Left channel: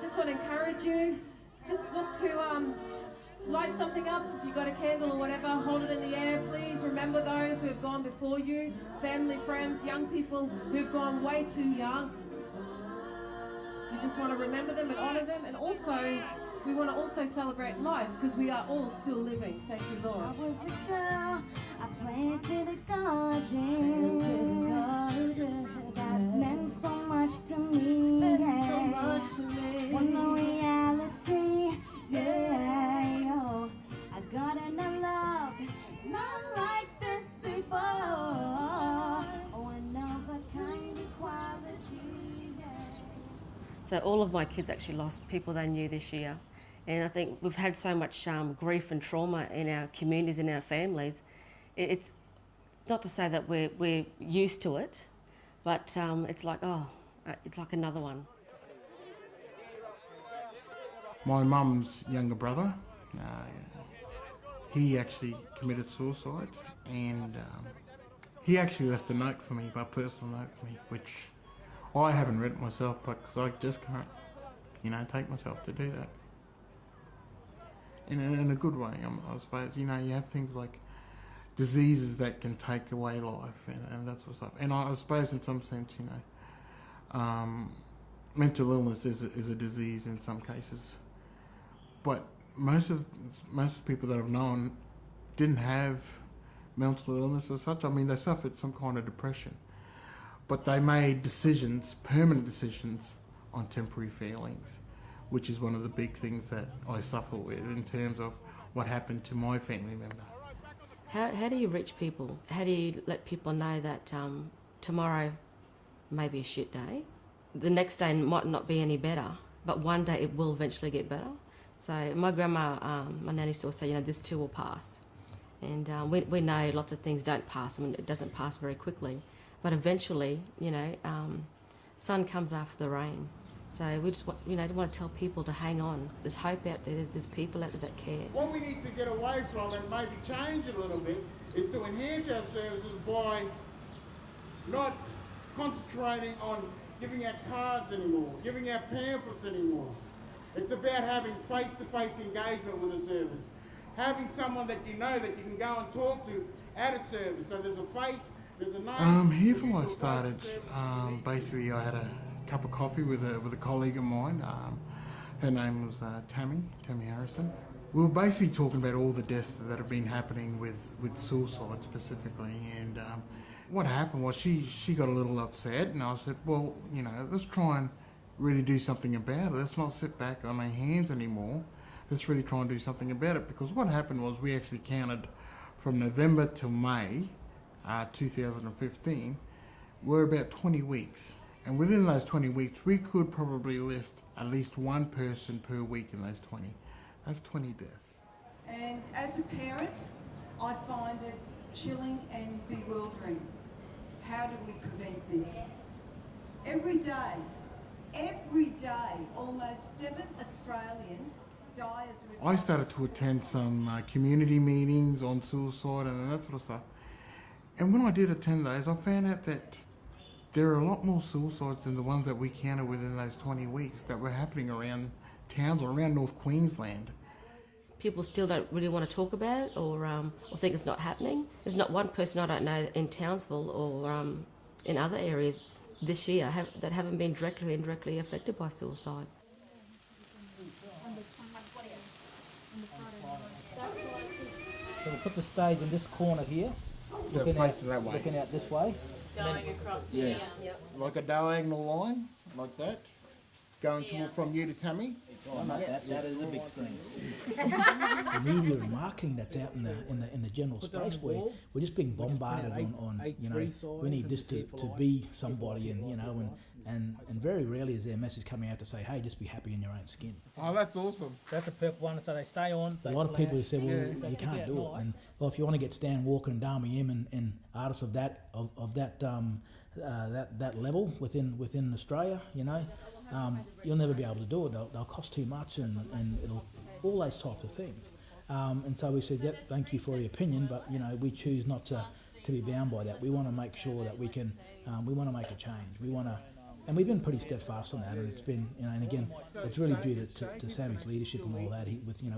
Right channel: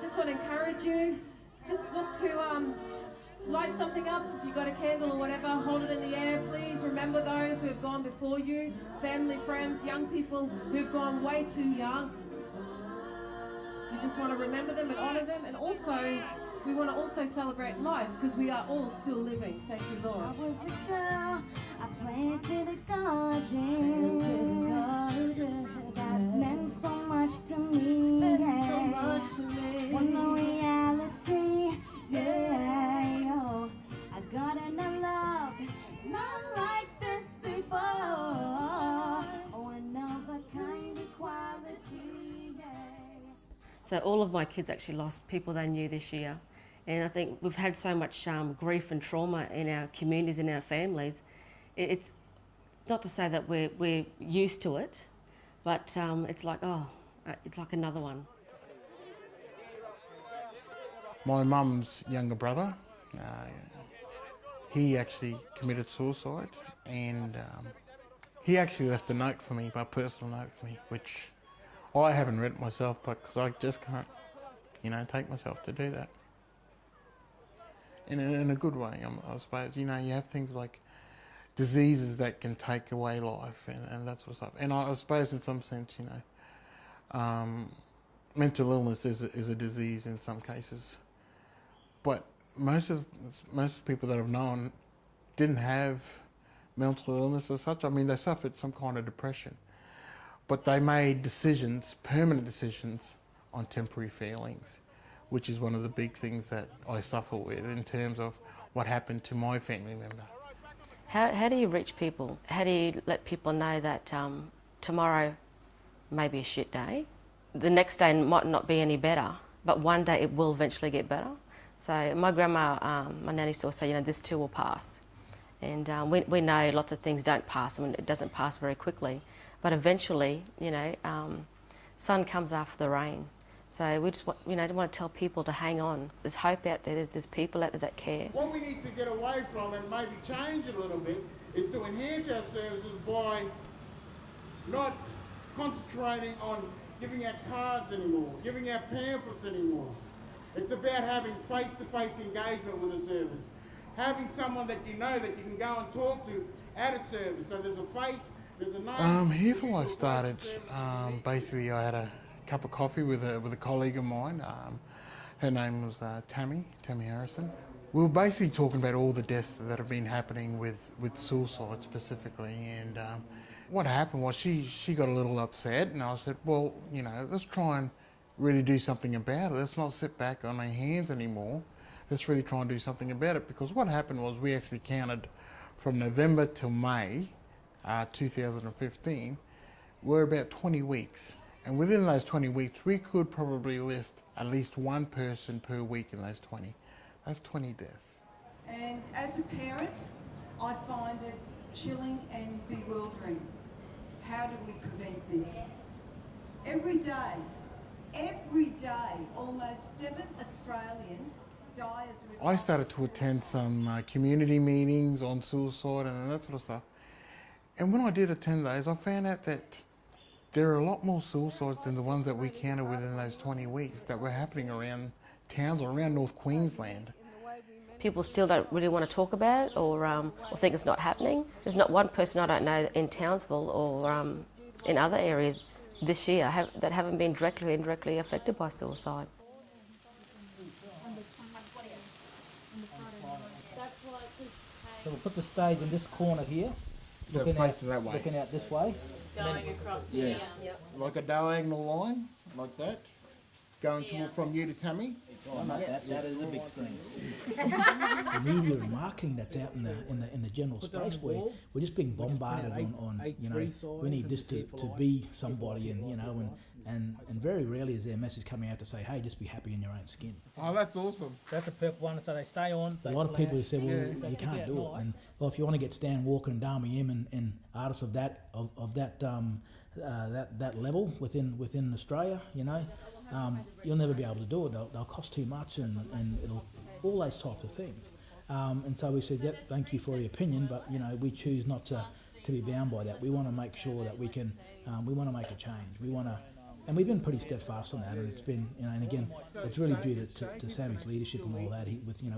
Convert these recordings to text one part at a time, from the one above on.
just want to encourage you, just look to light something up. If you've got a candle or whatever, hold it in the air. Please remember those who have gone before you, family, friends, young people who've gone way too young. We just want to remember them and honour them, and also we want to also celebrate life because we are all still living. Thank you, Lord. I was a girl, I planted a garden. That meant so much to me. So much to me. When the reality, I got in a love, not like this before. Oh, another kind of quality. So all of my kids actually lost people they knew this year. And I think we've had so much grief and trauma in our communities, in our families. It's not to say that we're used to it, but it's like another one. My mum's younger brother, he actually committed suicide, and he actually left a note for me, a personal note for me, which I haven't read it myself, but because I just can't, take myself to do that. In a good way, I suppose. You have things like diseases that can take away life and that sort of stuff. And I suppose in some sense, mental illness is a disease in some cases. But most of the people that I've known didn't have mental illness as such. I mean, they suffered some kind of depression. But they made decisions, permanent decisions, on temporary feelings, which is one of the big things that I suffer with in terms of what happened to my family member. How do you reach people? How do you let people know that tomorrow may be a shit day? The next day might not be any better, but one day it will eventually get better. So my grandma, my nanny used to say, this too will pass. And we know lots of things don't pass, and it doesn't pass very quickly. But eventually, sun comes after the rain. So we just want to tell people to hang on. There's hope out there. There's people out there that care. What we need to get away from and maybe change a little bit is to enhance our services by not concentrating on giving out cards anymore, giving out pamphlets anymore. It's about having face-to-face engagement with a service. Having someone that you know that you can go and talk to at a service. So there's a face, there's a name. Here4Life started, basically I had a cup of coffee with a colleague of mine. Her name was Tammy Harrison. We were basically talking about all the deaths that have been happening with suicide specifically, and what happened was she got a little upset, and I said, well, let's try and really do something about it. Let's not sit back on our hands anymore. Let's really try and do something about it, because what happened was we actually counted from November to May 2015, we're about 20 weeks. And within those 20 weeks, we could probably list at least one person per week in those 20. That's 20 deaths. And as a parent, I find it chilling and bewildering. How do we prevent this? Every day, almost 7 Australians die as a result. I started to attend some community meetings on suicide and that sort of stuff. And when I did attend those, I found out that there are a lot more suicides than the ones that we counted within those 20 weeks that were happening around Townsville, around North Queensland. People still don't really want to talk about it or think it's not happening. There's not one person I don't know in Townsville or in other areas this year that haven't been directly or indirectly affected by suicide. So we'll put the stage in this corner here, looking out this way. Going across here. Yep. Like a diagonal line, like that. Going from you to Tammy. Oh, not that is a big screen. The media and marketing that's out in the general space, where we're just being bombarded on we need this to be somebody, and very rarely is there a message coming out to say, hey, just be happy in your own skin. Oh, that's awesome. That's a perfect one, so they stay on. A lot of people have said, well, you can't do it. And well, if you want to get Stan Walker and Dami M and artists of that level within Australia, you'll never be able to do it. They'll cost too much, and it'll all those types of things. And so we said, yep, thank you for your opinion, but we choose not to be bound by that. We want to make sure that we can. We want to make a change. We want to And we've been pretty steadfast on that, and it's been, and again, it's really due to Sammy's leadership and all that.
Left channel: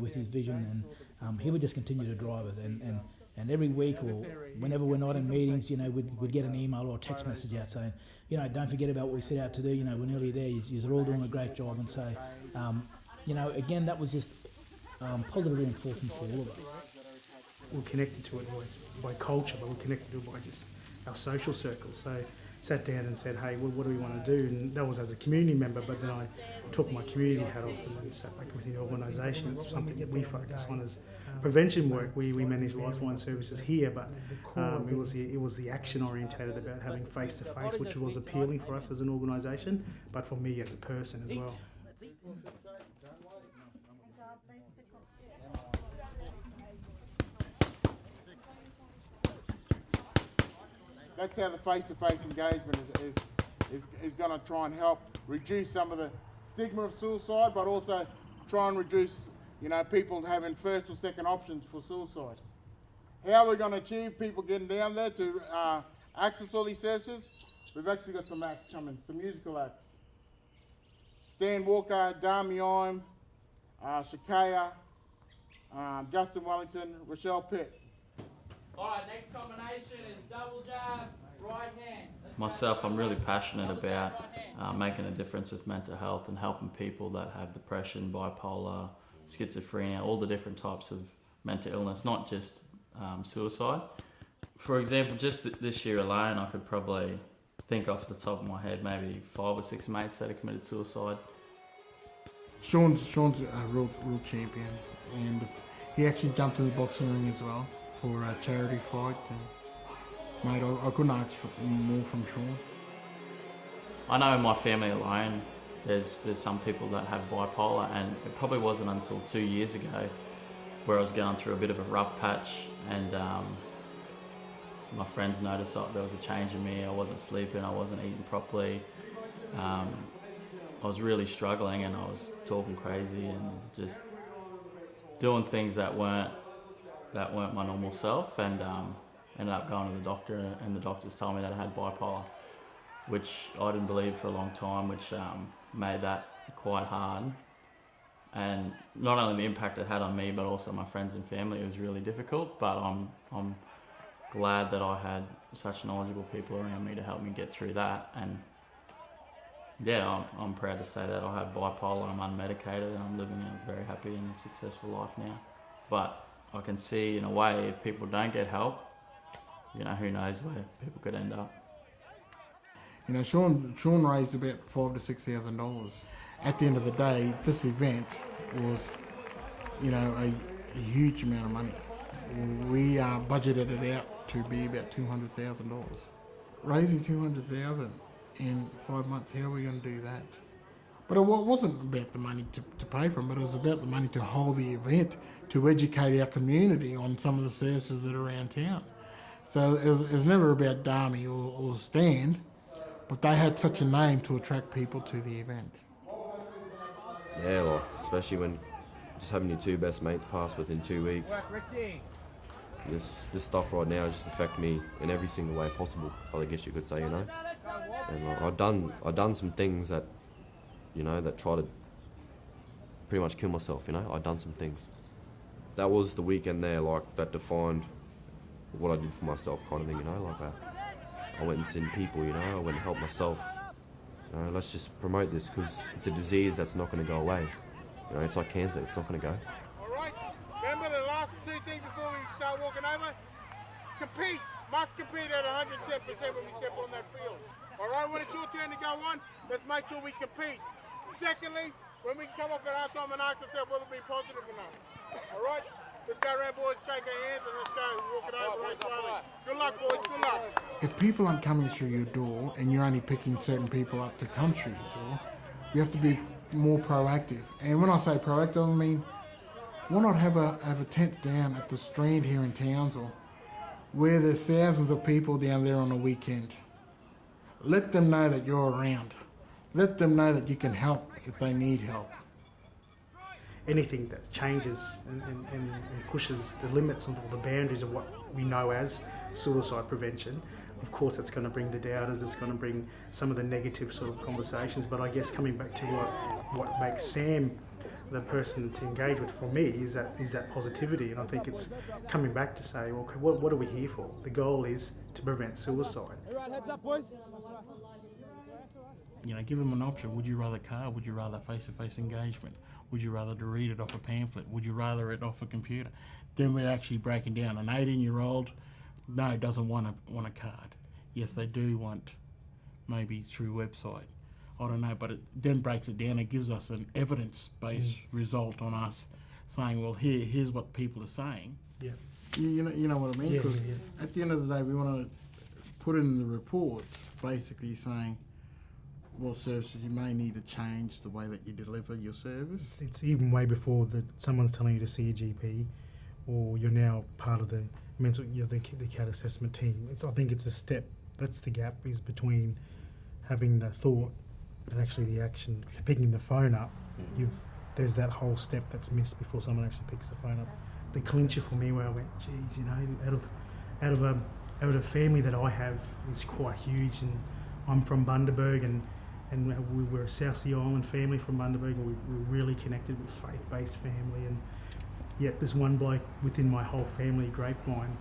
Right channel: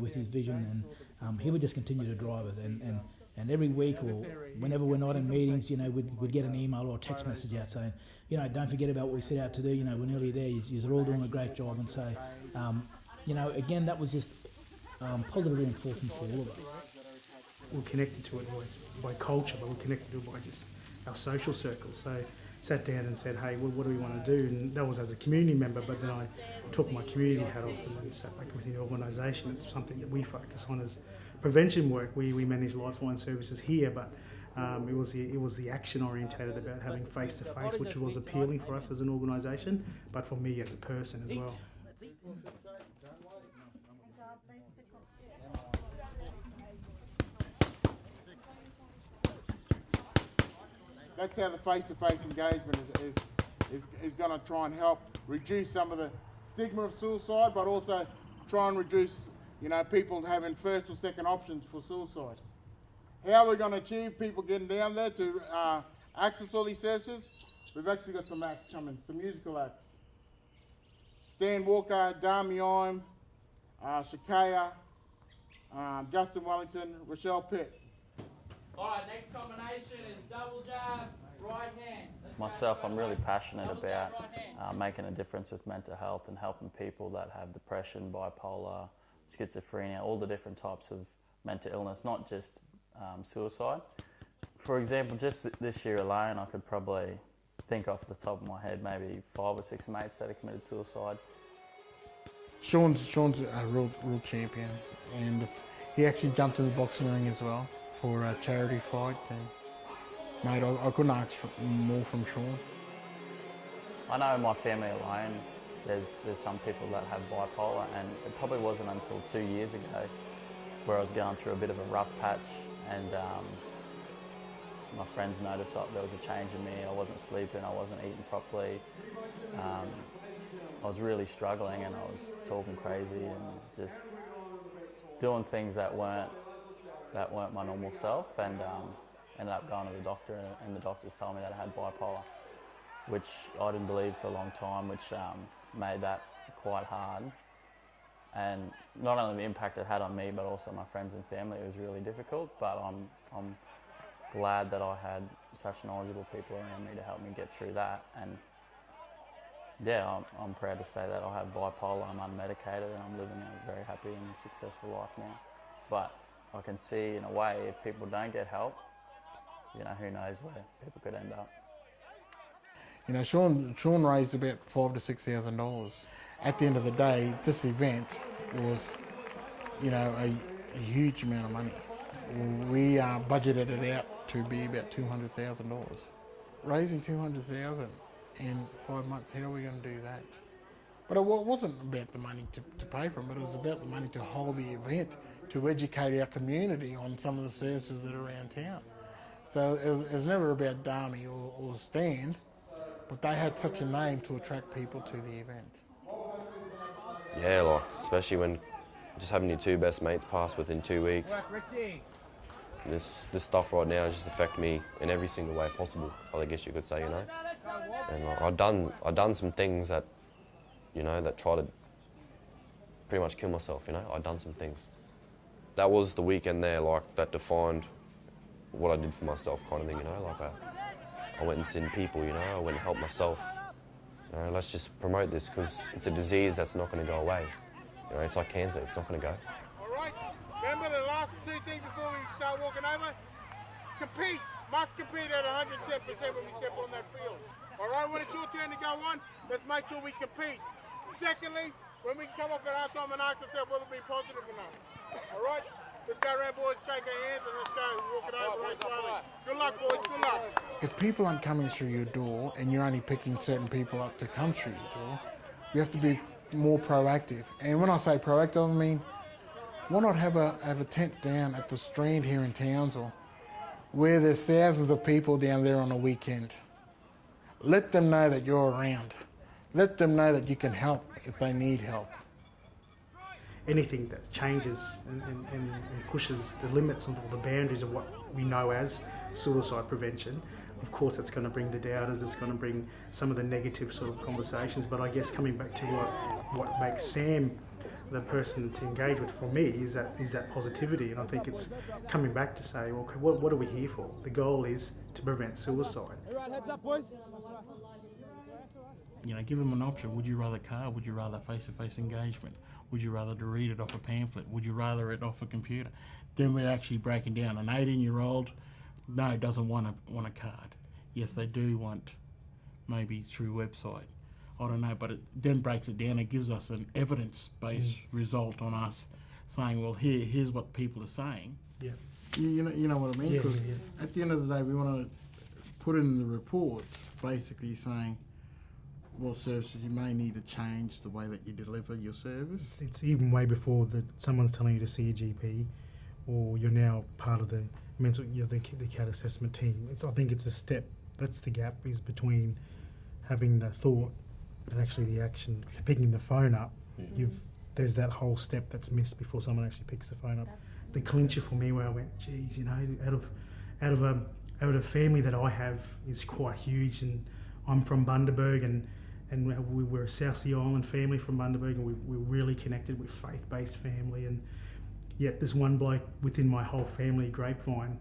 With his vision, and he would just continue to drive us. And every week or whenever we're not in meetings, we'd get an email or a text message out saying, don't forget about what we set out to do. We're nearly there. You're all doing a great job. And so, again, that was just positive reinforcement for all of us. We're connected to it by culture, but we're connected to it by just our social circles. So sat down and said, hey, well, what do we want to do? And that was as a community member, but then I took my community hat off and then sat back within the organisation. It's something that we focus on as prevention work. We manage lifeline services here, but it was the action orientated about having face to face, which was appealing for us as an organisation, but for me as a person as well. That's how the face-to-face engagement is going to try and help reduce some of the stigma of suicide, but also try and reduce, people having first or second options for suicide. How are we going to achieve people getting down there to access all these services? We've actually got some acts coming, some musical acts. Stan Walker, Dami Ime, Shakaya, Justin Wellington, Rochelle Pitt. Alright, next combination is double jab, right hand. Myself, I'm really passionate about making a difference with mental health and helping people that have depression, bipolar, schizophrenia, all the different types of mental illness, not just suicide. For example, just this year alone, I could probably think off the top of my head maybe 5 or 6 mates that have committed suicide. Sean's a real champion, and he actually jumped in the boxing ring as well for a charity fight, and mate, I couldn't ask for more from Sean. I know in my family alone there's some people that have bipolar, and it probably wasn't until 2 years ago where I was going through a bit of a rough patch, and my friends noticed that there was a change in me. I wasn't sleeping, I wasn't eating properly, I was really struggling, and I was talking crazy and just doing things that weren't my normal self, and ended up going to the doctor, and the doctors told me that I had bipolar, which I didn't believe for a long time, which made that quite hard. And not only the impact it had on me, but also my friends and family, it was really difficult, but I'm glad that I had such knowledgeable people around me to help me get through that. And yeah, I'm proud to say that I have bipolar and I'm unmedicated, and I'm living a very happy and successful life now. But I can see, in a way, if people don't get help, who knows where people could end up. Sean raised about $5,000 to $6,000. At the end of the day, this event was, a huge amount of money. We budgeted it out to be about $200,000. Raising $200,000 in 5 months, how are we going to do that? But it wasn't about the money to pay for it, but it was about the money to hold the event, to educate our community on some of the services that are around town. So it was never about Dami or Stan, but they had such a name to attract people to the event. Yeah, especially when just having your 2 best mates pass within 2 weeks. This stuff right now just affects me in every single way possible, I guess you could say, And I've done some things that, that try to pretty much kill myself, I've done some things. That was the weekend there, that defined what I did for myself, kind of thing, I went and seen people, I went and helped myself. Let's just promote this, because it's a disease that's not going to go away. It's like cancer, it's not going to go. All right, remember the last 2 things before we start walking over? Compete, must compete at 110% when we step on that field. All right, when it's your turn to go on, let's make sure we compete. Secondly, when we come off at half time and ask ourselves whether we're being positive or not. All right? Let's go around, boys, shake our hands, and let's go walk it over very slowly. Good luck, boys, good luck. If people aren't coming through your door and you're only picking certain people up to come through your door, you have to be more proactive. And when I say proactive, I mean, why not have a tent down at the Strand here in Townsville, where there's thousands of people down there on a weekend. Let them know that you're around. Let them know that you can help if they need help. Anything that changes and pushes the limits or the boundaries of what we know as suicide prevention, of course it's going to bring the doubters, it's going to bring some of the negative sort of conversations, but I guess coming back to what makes Sam the person to engage with for me is that positivity, and I think it's coming back to say, okay, what are we here for? The goal is to prevent suicide. Everyone, heads up, boys. You know, give them an option. Would you rather card? Would you rather face-to-face engagement? Would you rather to read it off a pamphlet? Would you rather it off a computer? Then we're actually breaking down. An 18-year-old, no, doesn't want a card. Yes, they do want maybe through website. I don't know, but it then breaks it down. It gives us an evidence-based result on us saying, well, here's what people are saying. Yeah. You know what I mean? Because at the end of the day, we want to put in the report basically saying what services you may need to change the way that you deliver your service. It's even way before that someone's telling you to see a GP, or you're now part of the the CAT assessment team. I think it's a step. That's the gap, is between having the thought and actually the action. Picking the phone up, there's that whole step that's missed before someone actually picks the phone up. The clincher for me, where I went, geez, you know, out of a family that I have is quite huge, and I'm from Bundaberg, and we're a South Sea Island family from Bundaberg, and we're really connected with faith-based family, and yet this one bloke within my whole family, Grapevine,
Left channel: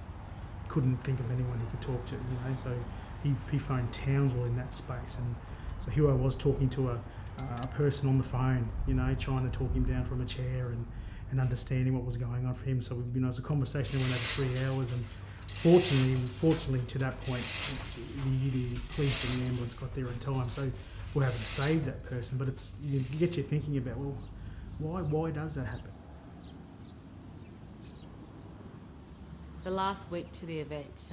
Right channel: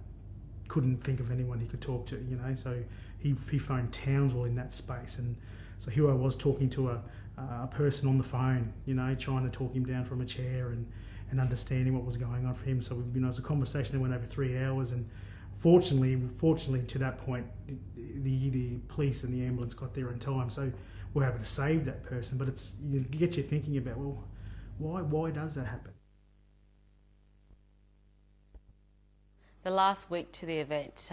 couldn't think of anyone he could talk to, you know, so he phoned Townsville in that space, and so here I was talking to a person on the phone, you know, trying to talk him down from a chair and understanding what was going on for him. So, you know, it was a conversation that went over 3 hours, and fortunately to that point, the police and the ambulance got there in time, so we're able to save that person. But it's, you get you thinking about, well, why does that happen? The last week to the event,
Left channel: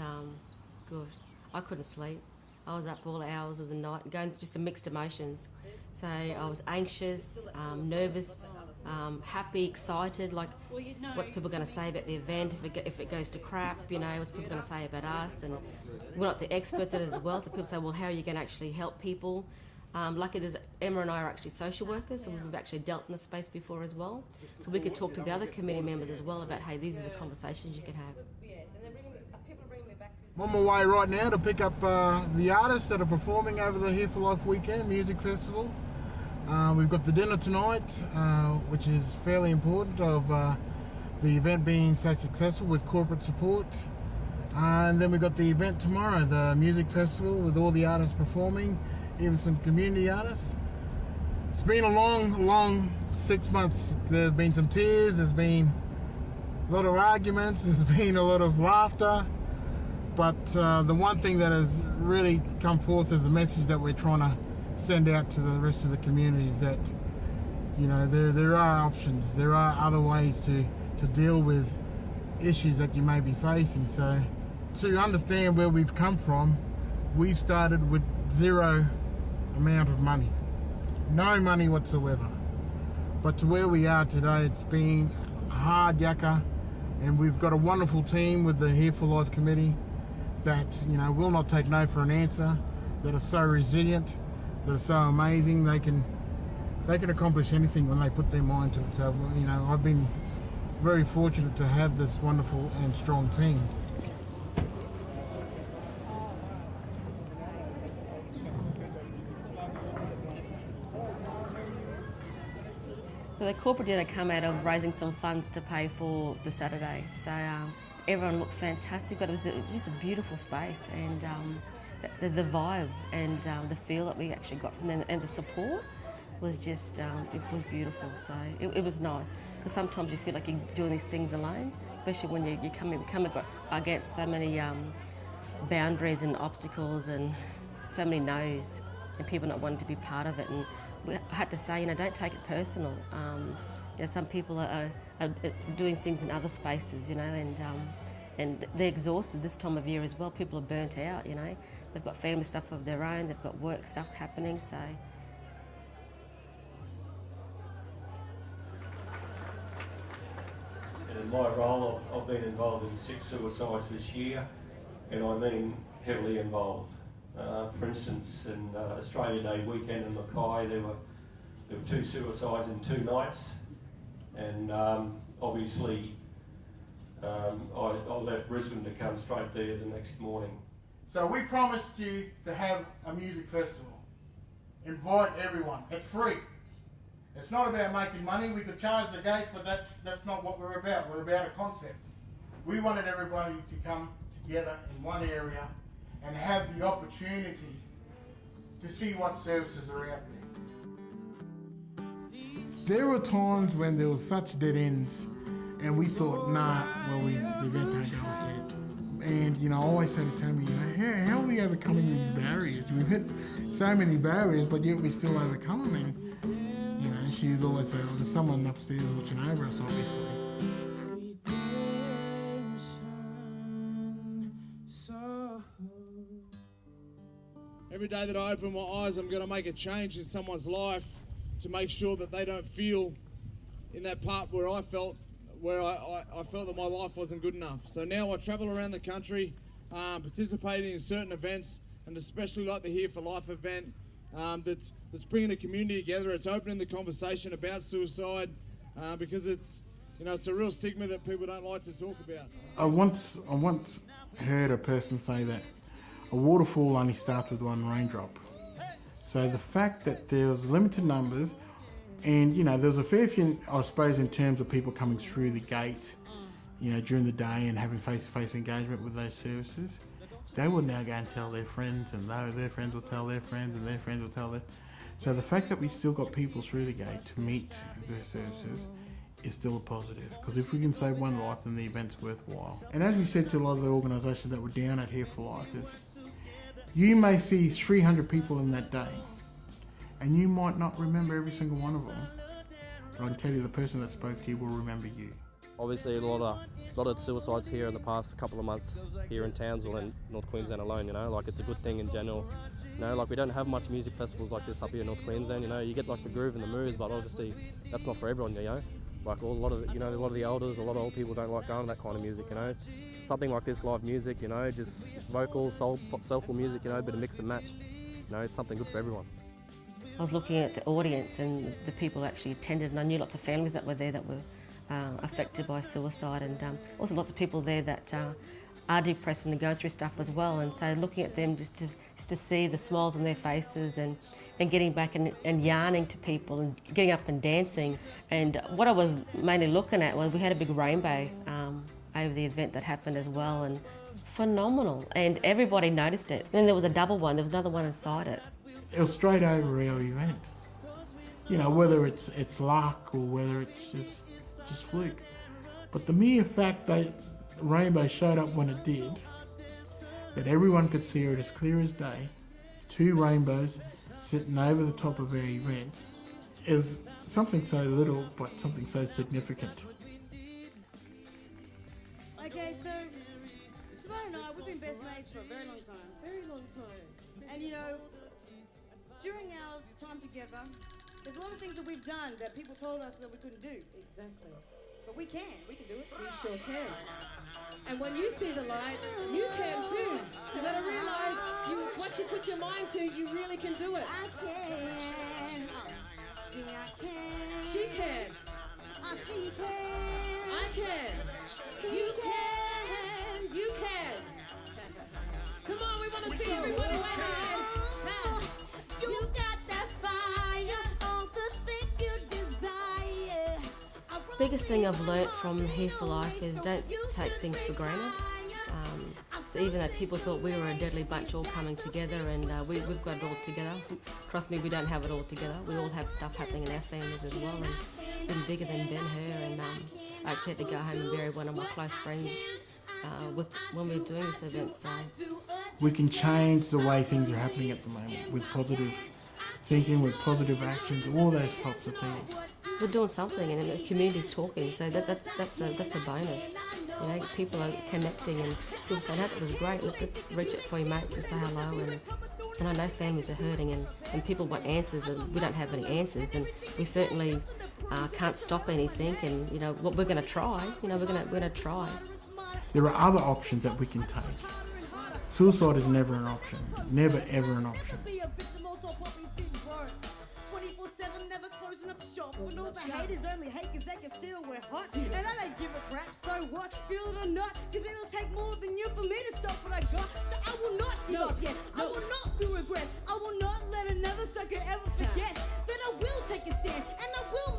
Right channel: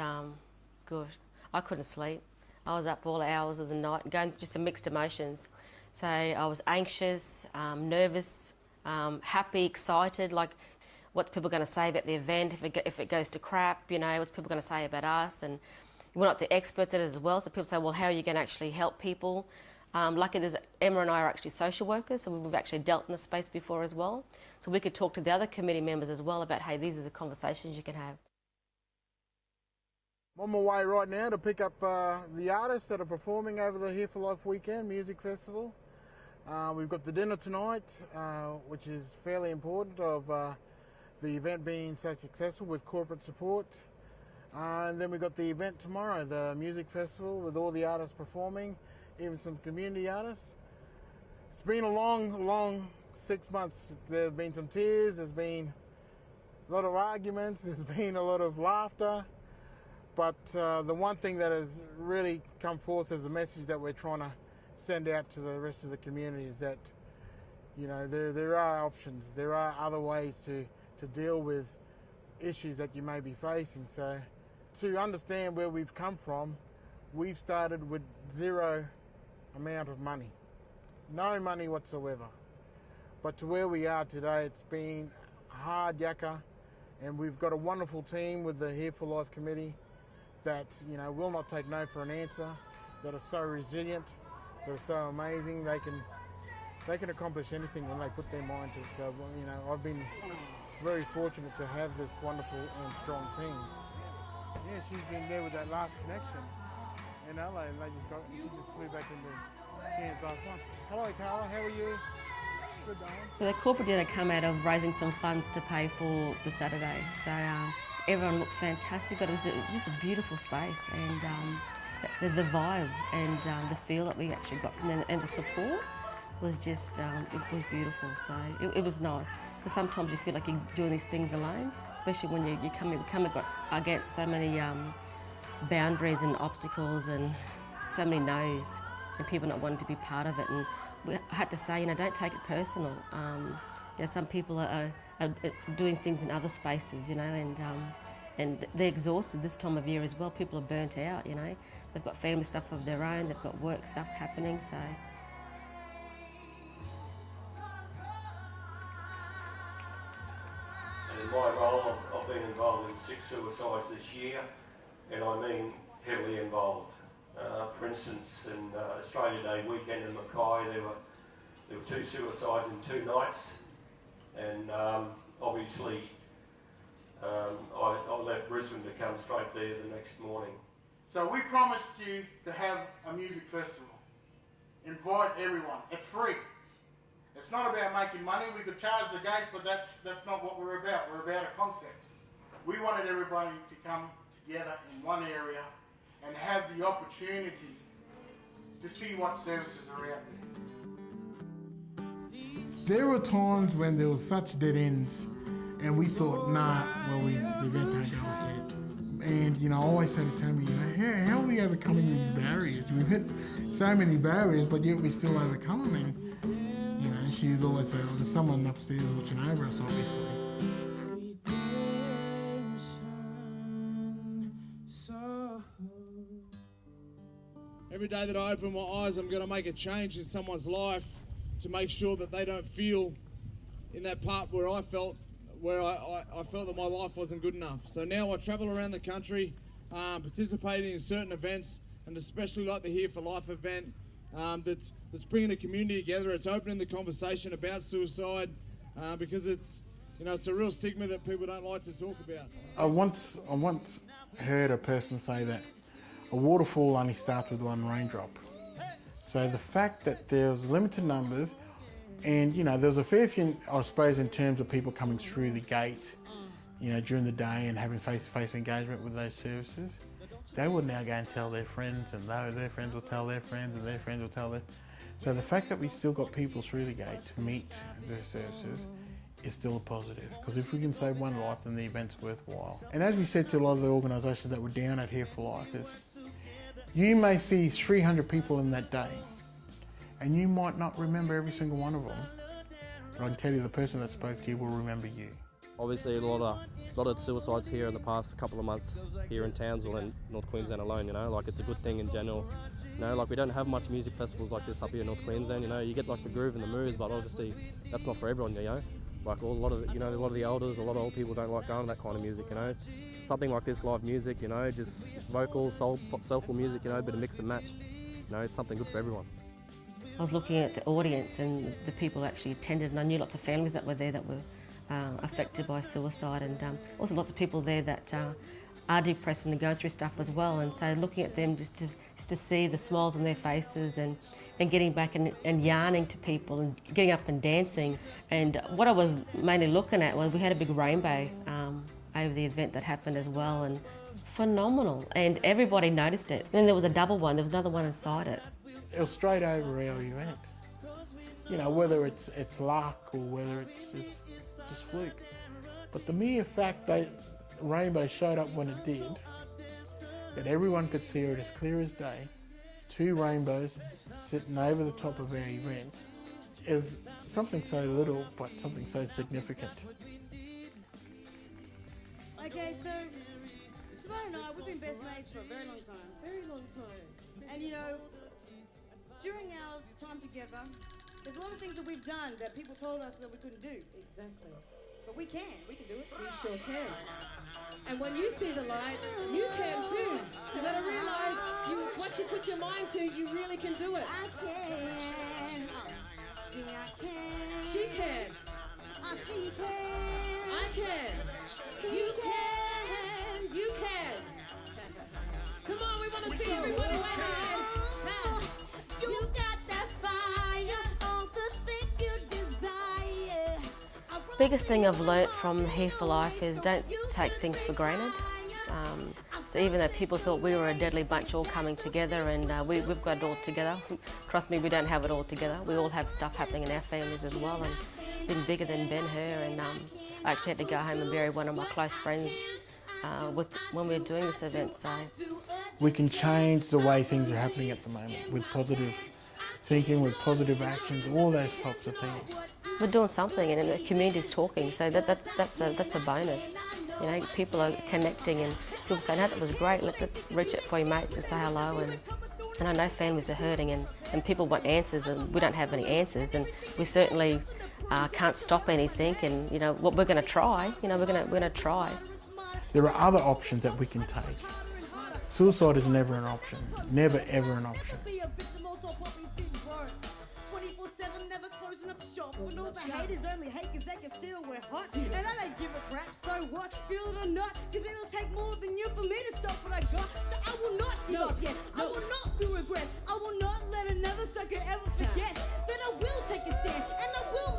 good. I couldn't sleep. I was up all hours of the night, going through some mixed emotions. So I was anxious, nervous, happy, excited, like what people are going to say about the event, if it goes to crap, you know, what's people going to say about us, and we're not the experts at it as well, so people say, well, how are you going to actually help people? Luckily, Emma and I are actually social workers, so we've actually dealt in this space before as well, so we could talk to the other committee members as well about, hey, these are the conversations you can have. I'm on my way right now to pick up the artists that are performing over the Here4Life weekend music festival. We've got the dinner tonight, which is fairly important of the event being so successful with corporate support. And then we've got the event tomorrow, the music festival with all the artists performing, even some community artists. It's been a long 6 months. There's been some tears, there's been a lot of arguments, there's been a lot of laughter. But the one thing that has really come forth as a message that we're trying to send out to the rest of the community is that, you know, there are options, there are other ways to deal with issues that you may be facing. So to understand where we've come from, we've started with zero amount of money, no money whatsoever. But to where we are today, it's been hard yakka, and we've got a wonderful team with the Here4Life committee that, you know, will not take no for an answer, that are so resilient, that are so amazing. They can accomplish anything when they put their mind to it. So, you know, I've been very fortunate to have this wonderful and strong team. So the corporate dinner come out of raising some funds to pay for the Saturday. So everyone looked fantastic, but it was just a beautiful space, and the vibe and the feel that we actually got from them and the support was just, it was beautiful. So it was nice, because sometimes you feel like you're doing these things alone, especially when you come against so many boundaries and obstacles and so many no's and people not wanting to be part of it. And I had to say, you know, don't take it personal. You know, some people are doing things in other spaces, you know, and they're exhausted this time of year as well. People are burnt out, you know. They've got family stuff of their own, they've got work stuff happening, so. In my role, I've been involved in 6 suicides this year, and I've been heavily involved. For instance, in Australia Day weekend in McGuire, there were 2 suicides in 2 nights, and obviously I left Brisbane to come straight there the next morning. So we promised you to have a music festival. Invite everyone. It's free. It's not about making money. We could charge the gates, but that's not what we're about. We're about a concept. We wanted everybody to come together in one area and have the opportunity to see what services are out there. There were times when there was such dead ends and we thought, nah, well, the event can't go ahead. And, you know, I always say to Tammy, you know, how are we overcoming these barriers? We've hit so many barriers, but yet we still overcome them. And, you know, she'd always say, oh, there's someone upstairs watching over us, obviously. Every day that I open my eyes, I'm going to make a change in someone's life to make sure that they don't feel in that part where I felt that my life wasn't good enough. So now I travel around the country, participating in certain events, and especially like the Here4Life event, that's bringing the community together. It's opening the conversation about suicide because it's a real stigma that people don't like to talk about. I once heard a person say that a waterfall only starts with one raindrop. So the fact that there's limited numbers, and you know, there's a fair few, I suppose, in terms of people coming through the gate, you know, during the day and having face-to-face engagement with those services, they will now go and tell their friends, and their friends will tell their friends, and their friends will tell their. So the fact that we still got people through the gate to meet the services is still a positive, because if we can save one life, then the event's worthwhile. And as we said to a lot of the organisations that were down at Here4Life, is you may see 300 people in that day, and you might not remember every single one of them. I can tell you the person that spoke to you will remember you. Obviously, a lot of suicides here in the past couple of months here in Townsville and North Queensland alone. You know, like it's a good thing in general. You know, like we don't have much music festivals like this up here in North Queensland. You know, you get like the groove and the moves, but obviously that's not for everyone. You know, like a lot of the elders, a lot of old people don't like going to that kind of music. You know, something like this, live music. You know, just vocal, soulful music. You know, a bit of mix and match. You know, it's something good for everyone. I was looking at the audience and the people who actually attended, and I knew lots of families that were there that were affected by suicide, and also lots of people there that are depressed and are going through stuff as well. And so looking at them just to see the smiles on their faces and getting back and yarning to people and getting up and dancing. And what I was mainly looking at was we had a big rainbow over the event that happened as well, and phenomenal. And everybody noticed it. And then there was a double one, there was another one inside it. It was straight over our event. You know, whether it's luck or whether it's just fluke. But the mere fact that rainbow showed up when it did, that everyone could see it as clear as day, 2 rainbows sitting over the top of our event, is something so little but something so significant. Okay, so Simone and I, we've been best mates for a very long time. Very long time. And you know, during our time together, there's a lot of things that we've done that people told us that we couldn't do. Exactly. But we can do it. We sure can. And when you see the light, you can too. You gotta realize what you put your mind to, you really can do it. I can. See, I can. She can. She can. I can. You can. You can. Come on, we want to see everybody wave. You got that fire, all the things you desire. Biggest thing I've learnt from Here4Life is don't take things for granted. So even though people thought we were a deadly bunch all coming together, and we've got it all together. Trust me, we don't have it all together. We all have stuff happening in our families as well, and it's been bigger than Ben-Hur. And I actually had to go home and bury one of my close friends when we were doing this event. So we can change the way things are happening at the moment with positive thinking, with positive actions, all those types of things. We're doing something, and the community's talking, so that's a bonus. You know, people are connecting, and people saying, "Oh, that was great. Let's reach out to our mates and say hello." And I know families are hurting, and people want answers, and we don't have any answers, and we certainly can't stop anything. And you know, what we're going to try. You know, we're going to try. There are other options that we can take. Suicide is never an option. Never ever an option. 24/7, never closing up the shop. And all the haters only hate cause they can still wear hot. And I don't give a crap, so what? Feel it or not, cause it'll take more than you for me to stop what I got. So I will not give up yet. I will not feel regret. I will not let another sucker ever forget that I will take a stand and I will